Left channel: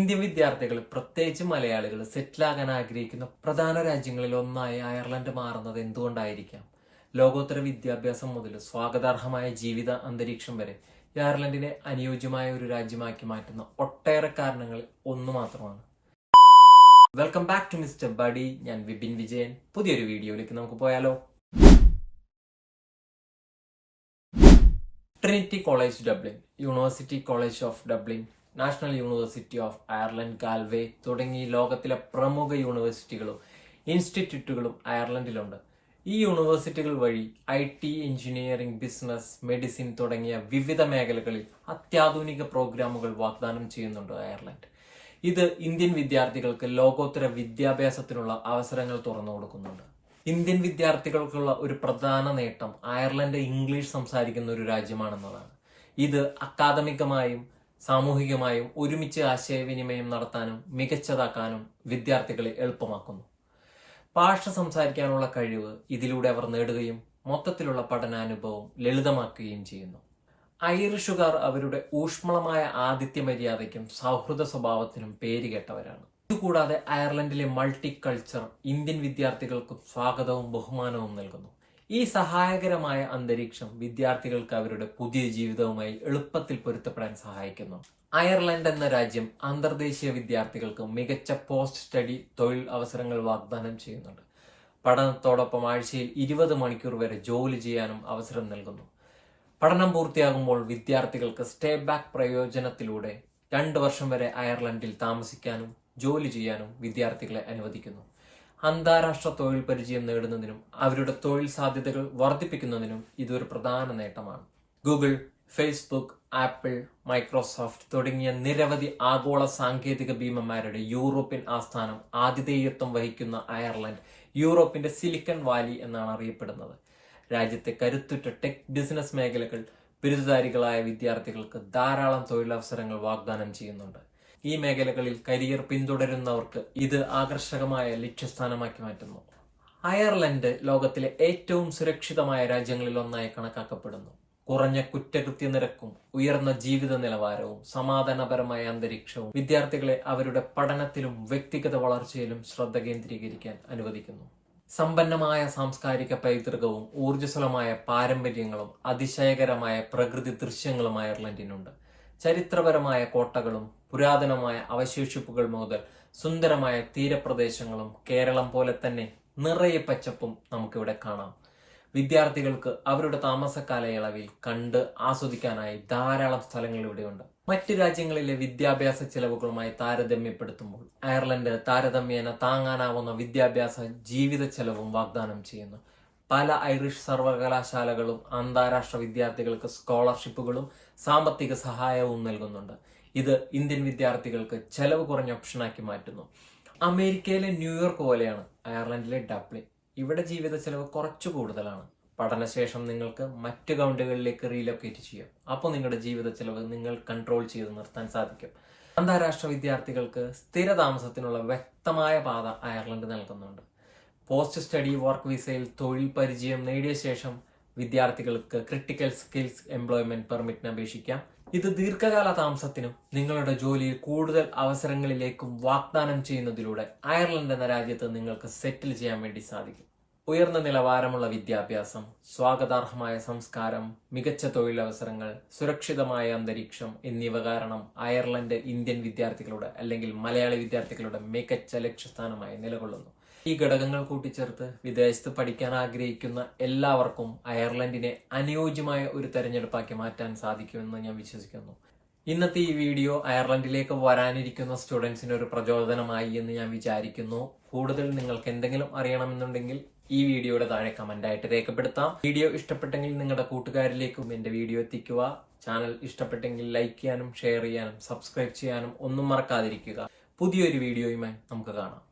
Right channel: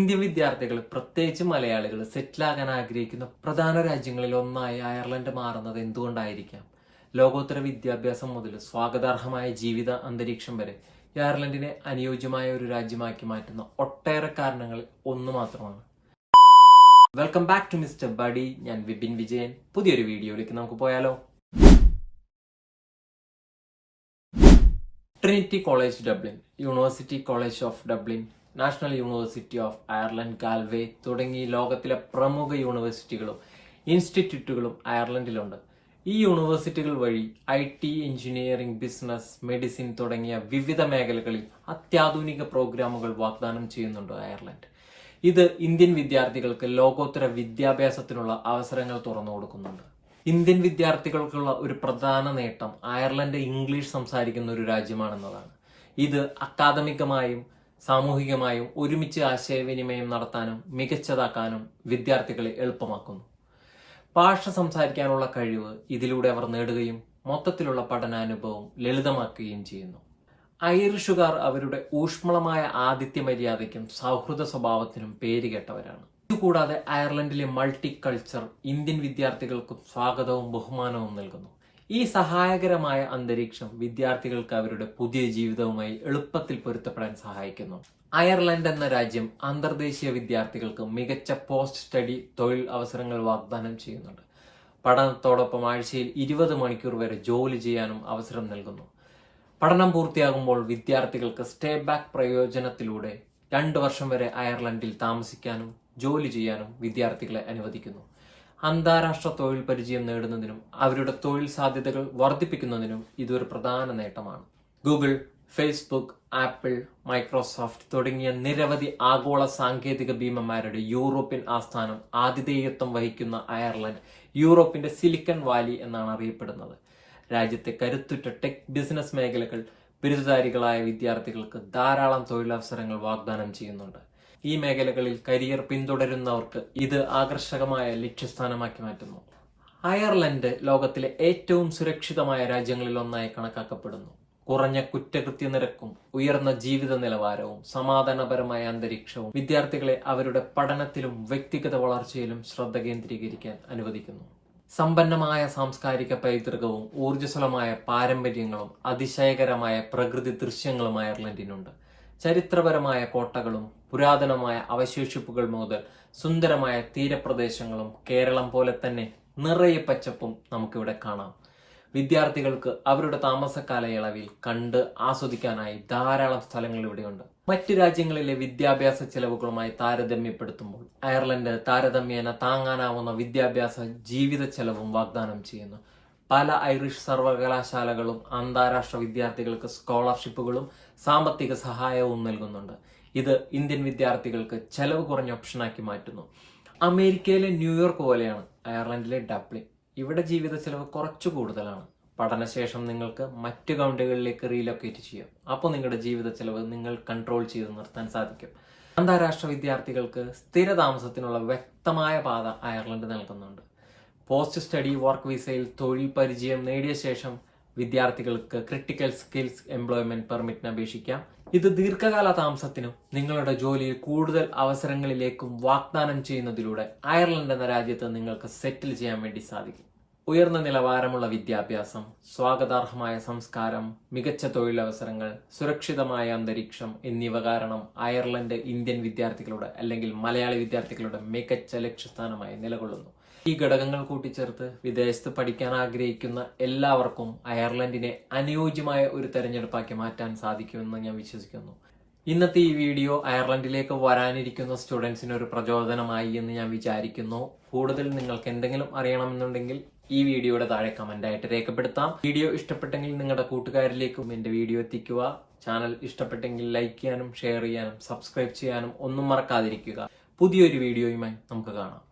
Indian വിദ്യാർത്ഥികൾ, പ്രത്യേകിച്ച് മലയാളികൾ, സെറ്റിലാകാൻ ആഗ്രഹിക്കുന്ന പ്രധാന രാജ്യങ്ങളിൽ ഒന്നായി അയർലൻഡ് മാറുന്നത് എന്തുകൊണ്ടായിരിക്കാം? ലോകോത്തര വിദ്യാഭ്യാസം മുതൽ സ്വാഗതാർഹമായ ജീവിത അന്തരീക്ഷം വരെ അയർലൻഡിനെ അനുയോജ്യമായ ഒരു രാജ്യമാക്കി മാറ്റുന്ന ഒട്ടേറെ കാരണങ്ങൾ ഒന്നു മാത്രമാണ്. Welcome back to mister buddy. ഞാൻ വിപിൻ വിജയൻ. പുതിയൊരു വീഡിയോയിലേക്ക് നമുക്ക് പോയാലോ? Trinity College Dublin, University College of Dublin, National University of Ireland Galway തുടങ്ങി ലോകത്തിലെ പ്രമുഖ യൂണിവേഴ്സിറ്റികളും ഇൻസ്റ്റിറ്റ്യൂട്ടുകളും അയർലൻഡിലുണ്ട്. ഈ യൂണിവേഴ്സിറ്റികൾ വഴി IT, എഞ്ചിനീയറിംഗ്, ബിസിനസ്, മെഡിസിൻ തുടങ്ങിയ വിവിധ മേഖലകളിൽ അത്യാധുനിക പ്രോഗ്രാമുകൾ വാഗ്ദാനം ചെയ്യുന്നുണ്ട് അയർലൻഡ്. ഇത് ഇന്ത്യൻ വിദ്യാർത്ഥികൾക്ക് ലോകോത്തര വിദ്യാഭ്യാസത്തിനുള്ള അവസരങ്ങൾ തുറന്നു കൊടുക്കുന്നുണ്ട്. ഇന്ത്യൻ വിദ്യാർത്ഥികൾക്കുള്ള ഒരു പ്രധാന നേട്ടം അയർലൻഡ് ഇംഗ്ലീഷ് സംസാരിക്കുന്ന ഒരു രാജ്യമാണെന്നതാണ്. ഇത് അക്കാദമികമായും സാമൂഹികമായും ഒരുമിച്ച് ആശയവിനിമയം നടത്താനും മികച്ചതാക്കാനും വിദ്യാർത്ഥികളെ എളുപ്പമാക്കുന്നു. ഭാഷ സംസാരിക്കാനുള്ള കഴിവ് ഇതിലൂടെ അവർ നേടുകയും മൊത്തത്തിലുള്ള പഠനാനുഭവം ലളിതമാക്കുകയും ചെയ്യുന്നു. ഐറിഷുകാർ അവരുടെ ഊഷ്മളമായ ആതിഥ്യ മര്യാദയ്ക്കും സൗഹൃദ സ്വഭാവത്തിനും പേരുകേട്ടവരാണ്. ഇതുകൂടാതെ അയർലൻഡിലെ മൾട്ടി കൾച്ചർ ഇന്ത്യൻ വിദ്യാർത്ഥികൾക്കും സ്വാഗതവും ബഹുമാനവും നൽകുന്നു. ഈ സഹായകരമായ അന്തരീക്ഷം വിദ്യാർത്ഥികൾക്ക് അവരുടെ പുതിയ ജീവിതവുമായി എളുപ്പത്തിൽ പൊരുത്തപ്പെടാൻ സഹായിക്കുന്നു. അയർലൻഡ് എന്ന രാജ്യം അന്തർദേശീയ വിദ്യാർത്ഥികൾക്ക് മികച്ച പോസ്റ്റ് സ്റ്റഡി തൊഴിൽ അവസരങ്ങൾ വാഗ്ദാനം ചെയ്യുന്നുണ്ട്. പഠനത്തോടൊപ്പം ആഴ്ചയിൽ 20 മണിക്കൂർ വരെ ജോലി ചെയ്യാനും അവസരം നൽകുന്നു. പഠനം പൂർത്തിയാകുമ്പോൾ വിദ്യാർത്ഥികൾക്ക് സ്റ്റേ ബാക്ക് പ്രയോജനത്തിലൂടെ 2 വർഷം വരെ അയർലൻഡിൽ താമസിക്കാനും ജോലി ചെയ്യാനും വിദ്യാർത്ഥികളെ അനുവദിക്കുന്നു. അന്താരാഷ്ട്ര തൊഴിൽ പരിചയം നേടുന്നതിനും അവരുടെ തൊഴിൽ സാധ്യതകൾ വർദ്ധിപ്പിക്കുന്നതിനും ഇതൊരു പ്രധാന നേട്ടമാണ്. ഗൂഗിൾ, ഫേസ്ബുക്ക്, ആപ്പിൾ, മൈക്രോസോഫ്റ്റ് തുടങ്ങിയ നിരവധി ആഗോള സാങ്കേതിക ഭീമന്മാരുടെ യൂറോപ്യൻ ആസ്ഥാനം ആതിഥേയത്വം വഹിക്കുന്ന അയർലൻഡ് യൂറോപ്പിന്റെ സിലിക്കൺ വാലി എന്നാണ് അറിയപ്പെടുന്നത്. രാജ്യത്തെ കരുത്തുറ്റ ടെക് ബിസിനസ് മേഖലകൾ ബിരുദധാരികളായ വിദ്യാർത്ഥികൾക്ക് ധാരാളം തൊഴിലവസരങ്ങൾ വാഗ്ദാനം ചെയ്യുന്നുണ്ട്. ഈ മേഖലകളിൽ കരിയർ പിന്തുടരുന്നവർക്ക് ഇത് ആകർഷകമായ ലക്ഷ്യസ്ഥാനമാക്കി മാറ്റുന്നു. അയർലൻഡ് ലോകത്തിലെ ഏറ്റവും സുരക്ഷിതമായ രാജ്യങ്ങളിൽ ഒന്നായി കണക്കാക്കപ്പെടുന്നു. കുറഞ്ഞ കുറ്റകൃത്യ നിരക്കും ഉയർന്ന ജീവിത നിലവാരവും സമാധാനപരമായ അന്തരീക്ഷവും വിദ്യാർത്ഥികളെ അവരുടെ പഠനത്തിലും വ്യക്തിഗത വളർച്ചയിലും ശ്രദ്ധ കേന്ദ്രീകരിക്കാൻ അനുവദിക്കുന്നു. സമ്പന്നമായ സാംസ്കാരിക പൈതൃകവും ഊർജ്ജസ്വലമായ പാരമ്പര്യങ്ങളും അതിശയകരമായ പ്രകൃതി ദൃശ്യങ്ങളും അയർലൻഡിനുണ്ട്. ചരിത്രപരമായ കോട്ടകളും പുരാതനമായ അവശേഷിപ്പുകൾ മുതൽ സുന്ദരമായ തീരപ്രദേശങ്ങളും കേരളം പോലെ തന്നെ നിറയെ പച്ചപ്പും നമുക്കിവിടെ കാണാം. വിദ്യാർത്ഥികൾക്ക് അവരുടെ താമസ കാലയളവിൽ കണ്ട് ആസ്വദിക്കാനായി ധാരാളം സ്ഥലങ്ങൾ ഇവിടെയുണ്ട്. മറ്റ് രാജ്യങ്ങളിലെ വിദ്യാഭ്യാസ ചെലവുകളുമായി താരതമ്യപ്പെടുത്തുമ്പോൾ അയർലൻഡ് താരതമ്യേന താങ്ങാനാവുന്ന വിദ്യാഭ്യാസ ജീവിത ചെലവും വാഗ്ദാനം ചെയ്യുന്നു. പല ഐറിഷ് സർവകലാശാലകളും അന്താരാഷ്ട്ര വിദ്യാർത്ഥികൾക്ക് സ്കോളർഷിപ്പുകളും സാമ്പത്തിക സഹായവും നൽകുന്നുണ്ട്. ഇത് ഇന്ത്യൻ വിദ്യാർത്ഥികൾക്ക് ചെലവ് കുറഞ്ഞ ഓപ്ഷനാക്കി മാറ്റുന്നു. അമേരിക്കയിലെ ന്യൂയോർക്ക് പോലെയാണ് അയർലൻഡിലെ ഡബ്ലിൻ. ഇവിടെ ജീവിത ചെലവ് കുറച്ചു കൂടുതലാണ്. പഠനശേഷം നിങ്ങൾക്ക് മറ്റു കൗണ്ടികളിലേക്ക് റീലൊക്കേറ്റ് ചെയ്യാം. അപ്പോൾ നിങ്ങളുടെ ജീവിത ചെലവ് നിങ്ങൾ കൺട്രോൾ ചെയ്ത് നിർത്താൻ സാധിക്കും. അന്താരാഷ്ട്ര വിദ്യാർത്ഥികൾക്ക് സ്ഥിര താമസത്തിനുള്ള വ്യക്തമായ പാത അയർലൻഡ് നൽകുന്നുണ്ട്. പോസ്റ്റ് സ്റ്റഡി വർക്ക് വിസയിൽ തൊഴിൽ പരിചയം നേടിയ ശേഷം വിദ്യാർത്ഥികൾക്ക് ക്രിട്ടിക്കൽ സ്കിൽസ് എംപ്ലോയ്മെന്റ് പെർമിറ്റിന് അപേക്ഷിക്കാം. ഇത് ദീർഘകാല താമസത്തിനും നിങ്ങളുടെ ജോലിയിൽ കൂടുതൽ അവസരങ്ങളിലേക്കും വാഗ്ദാനം ചെയ്യുന്നതിലൂടെ അയർലൻഡ് എന്ന രാജ്യത്ത് നിങ്ങൾക്ക് സെറ്റിൽ ചെയ്യാൻ വേണ്ടി സാധിക്കും. ഉയർന്ന നിലവാരമുള്ള വിദ്യാഭ്യാസം, സ്വാഗതാർഹമായ സംസ്കാരം, മികച്ച തൊഴിലവസരങ്ങൾ, സുരക്ഷിതമായ അന്തരീക്ഷം എന്നിവ കാരണം അയർലൻഡ് ഇന്ത്യൻ വിദ്യാർത്ഥികളുടെ അല്ലെങ്കിൽ മലയാളി വിദ്യാർത്ഥികളുടെ മികച്ച ലക്ഷ്യസ്ഥാനമായി നിലകൊള്ളുന്നു. ഈ ഘടകങ്ങൾ കൂട്ടിച്ചേർത്ത് വിദേശത്ത് പഠിക്കാൻ ആഗ്രഹിക്കുന്ന എല്ലാവർക്കും അയർലൻഡിനെ അനുയോജ്യമായ ഒരു തെരഞ്ഞെടുപ്പാക്കി മാറ്റാൻ സാധിക്കുമെന്ന് ഞാൻ വിശ്വസിക്കുന്നു. ഇന്നത്തെ ഈ വീഡിയോ അയർലൻഡിലേക്ക് വരാനിരിക്കുന്ന സ്റ്റുഡൻസിന് ഒരു പ്രചോദനമായി എന്ന് ഞാൻ വിചാരിക്കുന്നു. കൂടുതൽ നിങ്ങൾക്ക് എന്തെങ്കിലും അറിയണമെന്നുണ്ടെങ്കിൽ ഈ വീഡിയോയുടെ താഴെ കമന്റായിട്ട് രേഖപ്പെടുത്താം. വീഡിയോ ഇഷ്ടപ്പെട്ടെങ്കിൽ നിങ്ങളുടെ കൂട്ടുകാരിലേക്കും എന്റെ വീഡിയോ എത്തിക്കുക. ചാനൽ ഇഷ്ടപ്പെട്ടെങ്കിൽ ലൈക്ക് ചെയ്യാനും ഷെയർ ചെയ്യാനും സബ്സ്ക്രൈബ് ചെയ്യാനും ഒന്നും മറക്കാതിരിക്കുക. പുതിയൊരു വീഡിയോയുമായി നമുക്ക് കാണാം.